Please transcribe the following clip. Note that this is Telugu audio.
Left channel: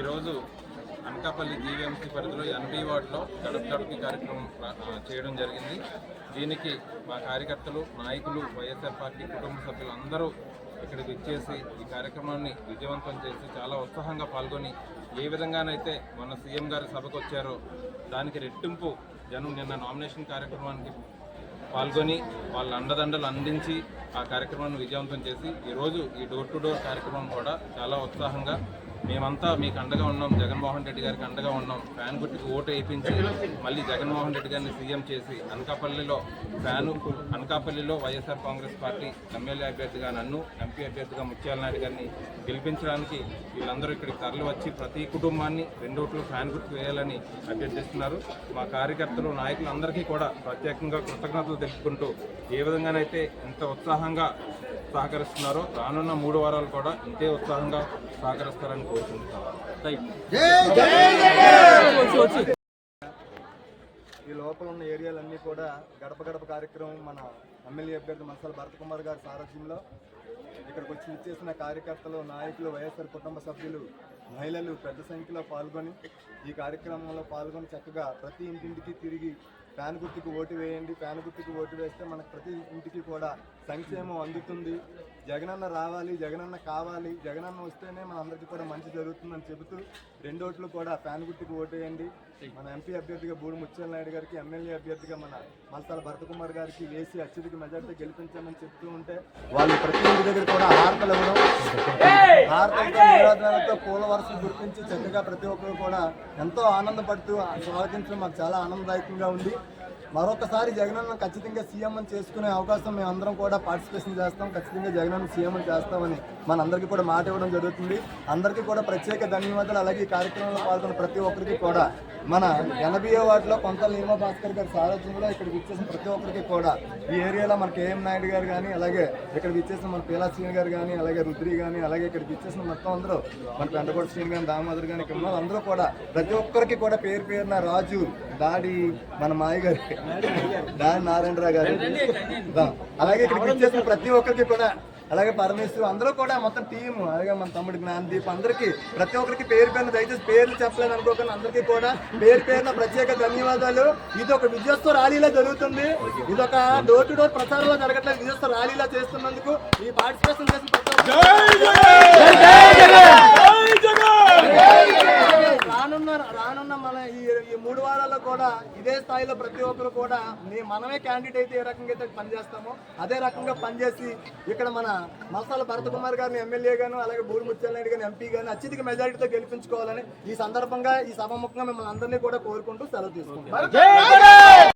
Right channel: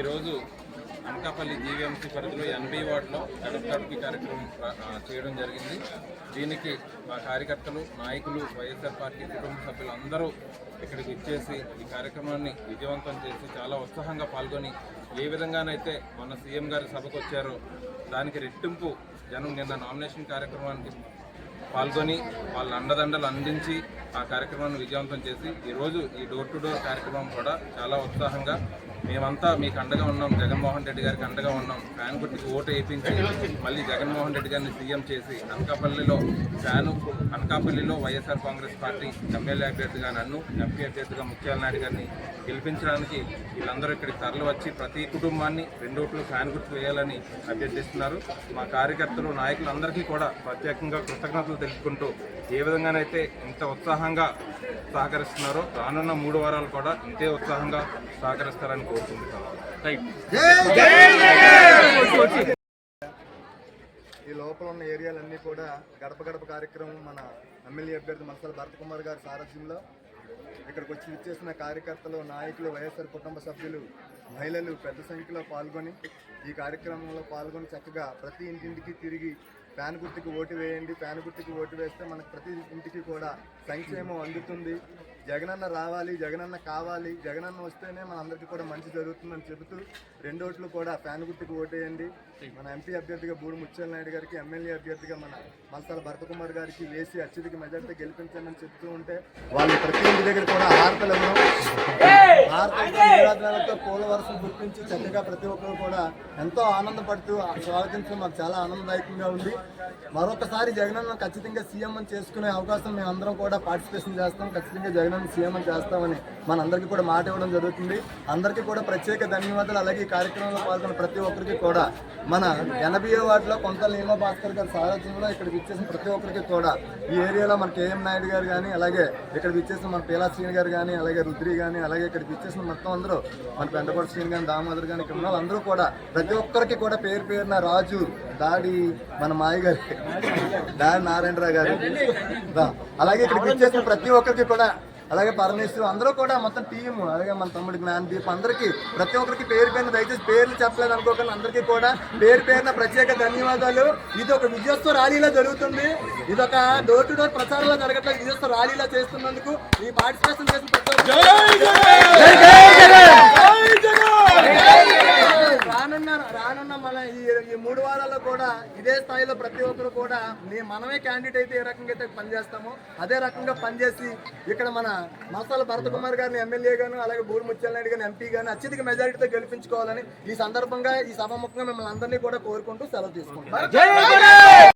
ఈరోజు అనకాపల్లి జీవీఎంసీ పరిధిలో 80 వార్డులో గడప గడపకి కార్యక్రమం చేయడం జరిగింది. దీనికి మా కార్యకర్తలు, నాయకులు, వైఎస్ఆర్ పార్టీ కుటుంబ సభ్యులు అందరూ ఇక్కడికి వచ్చేసి ఈ కార్యక్రమాన్ని విజయవంతం చేసి చాలా ఉత్సాహంగా పాల్గొని ఏ విధంగానైతే మన సీఎం గారి సభకు వచ్చారో దానికి రెట్టింపు జనం నిన్న నామినేషన్ కార్యక్రమానికి పాల్గొని వాళ్ళ అండదండలు అందించి ఆ కార్యక్రమాన్ని విజయవంతం చేసి ఈరోజు ఈ డోర్ టు డోర్ కార్యక్రమం కూడా చాలా ఉత్సాహంగా మేమంతా మీకు అండగా ఉన్నాం, జగన్మోహన్ రెడ్డి గారికి అండగా ఉన్నాం, ఫ్యాన్ గుర్తుకి ఓటు వేయించి మళ్ళీ జగన్మోహన్ రెడ్డి గారిని సీఎం చేసి అనకాపల్లిలో వైఎస్ఆర్ కాంగ్రెస్ పార్టీ ఎమ్మెల్యే అభ్యర్థిగా నన్ను, ఎంపీ అభ్యర్థిగా ముత్యాల నాయుడు గారిని గెలిపించడానికి వీళ్ళందరూ ఇక్కడికి తరలి వచ్చి ప్రతి కుటుంబాన్ని 2 ఓట్లు ఫ్యాన్ గుర్తు వేయాలని అభ్యర్థిస్తున్నారు. మా కార్యకర్తలు, నాయకులందరికీ కూడా ప్రత్యేకంగా కృతజ్ఞతలు తెలుపుకుంటూ ఏ విధంగానైతే ఇంత ఉత్సాహంగా సహకరిస్తున్నారో రానున్న 3 వారాలు కూడా ఇంతే ఉత్సాహంగా సహకరిస్తారని కోరుకుంటున్నాను. ఈ లోపల ఉన్న ఏరియాలన్నీ కూడా గడప గడప కార్యక్రమం మన ఎమ్మెల్యే అభ్యర్థి మల్సాల భరత్ కుమార్ గారి సారథ్యంలో ఇక్కడికి వచ్చి ఇచ్చేసిన కార్యకర్తలు, నాయకులు, వైఎస్ఆర్ కుటుంబ సభ్యులు, మహిళలు పెద్ద సంఖ్యలో పాల్గొని ఈ కార్యక్రమంలో పాల్గొని చక్కగా ప్రతి ఇంటింటికి తిరిగి ఫ్యాన్ గుర్తుకు ఓటు వేయండి, ఫ్యాన్ గుర్తుకు ఓటు వేస్తే మనకు ప్రతి ఇంటికి కూడా సంక్షేమం అందుతుంది, జగనన్న రావాలి, జగనన్న కావాలి, జగనన్న వస్తేనే మన అందరికీ కూడా మంచి జరుగుతుందని చెబుతూ 2 ఓట్లు కూడా ఫ్యాన్ గుర్తుకు ఓటేయండి. మన ఎంపీ అభ్యర్థిగా బూడి ముత్యాల నాయుడు గారికి, ఎమ్మెల్యే అభ్యర్థిగా మన మల్సాల భరత్ కుమార్ గారికి వేసి అత్యధిక మెజార్టీ గెలిపించండి చెప్తూ ఉంటే వాళ్ళు ప్రతి ఇంటి దగ్గర కూడా హారతలు ఇవ్వడం, హారతలతో పూల వరుస గుర్తించి చక్కగా ప్రతి ఒక్కరు కూడా ఎంతో ఆనందపడుతూ స్వాగతించడం మాకు చాలా ఆనందదాయకంగా ఉంది. మరొకసారి జగనన్న ఖచ్చితంగా సీఎం అని చేసుకునే అవకాశం మేము అందరం కూడా పార్టిసిపేషన్ చేస్తాం, ఖచ్చితంగా జగనన్న సీఎం అని చేస్తామని మనందరికీ కూడా మాట ఇవ్వడం జరుగుతుంది. అందరికీ కూడా ప్రత్యేక ధన్యవాదాలు. అలాగే ఈ కార్యక్రమంలో పాల్గొన్న ప్రతి ఒక్కరికి కూడా మన 80వ వార్డులో కొంత నీమ భాస్కర్ గారి సారథ్యంలో ఇక్కడికి ఇచ్చేసిన ప్రతి ఒక్కరికి కూడా ఈ ఏరియాలో మన కేఎం నాయుడు గారు కానీ, అలాగే ఇక్కడికి ఇచ్చేసిన మన పీలా శ్రీని గారు కానీ, అలాగే రుద్రి కానీ, అలాగే ఇక్కడికి ఇచ్చేసిన మొత్తం అందరూ మన పెంటకోట శ్రీని కానీ, దామోదర్ కానీ, ఇక్కడ ఉన్న అందరూ కూడా ప్రతి ఒక్కరికి కూడా పేరు పేరున రాజు, దాడి, మన మాయ గారి, దాడి నారాయణరావు గారు, అలాగే ఇక్కడికి ఇచ్చేసిన ప్రతి ఒక్కరికి కూడా, అలాగే పరమేశ్వరు అందరూ కూడా మొత్తం టీం, అలాగే మన తమ్ముడు జ్ఞానదీప్ అందరికీ ప్రతి ఒక్కరికి పేరు పేరున, దయచేసి పేర్లు చెప్పలేదు అనుకోకుండా అందరికీ కూడా పేరు పేరున ప్రత్యేక ధన్యవాదాలు. ఇది ఒక విజయోత్సవ ర్యాలీలో జరుగుతుంది, ఇది ఒక డోర్ టు డోర్ ప్రచారంలో జరగట్లేదు, విజయోత్సవ ర్యాలీలో చేస్తున్నందుకు ఈ పార్టిసిపేషన్ చేసిన ప్రతి రానున్న మన ఈ 3 వారాల్లో కూడా ఇదే స్థాయిలో ప్రతి ఒక్కరు కూడా మనమే క్యాండిడేట్ అయితే ఏ రకంగా అయితే పనిచేస్తామో అదే రకంగా పనిచేసి ఇక్కడ మన మల్సాల భరత్ కుమార్ గారిని ఎమ్మెల్యే గాను, అలాగే బూడి ముత్యాల నాయుడు గారిని ఎంపీ గాని అత్యధిక మెజారిటీతో గెలిపించుకోవాలని ఈ సందర్భంగా ఈ సభాముఖంగా మిమ్మల్ని అందరినీ కూడా కోరుకుంటూ సెలవు తీసుకుంటాం.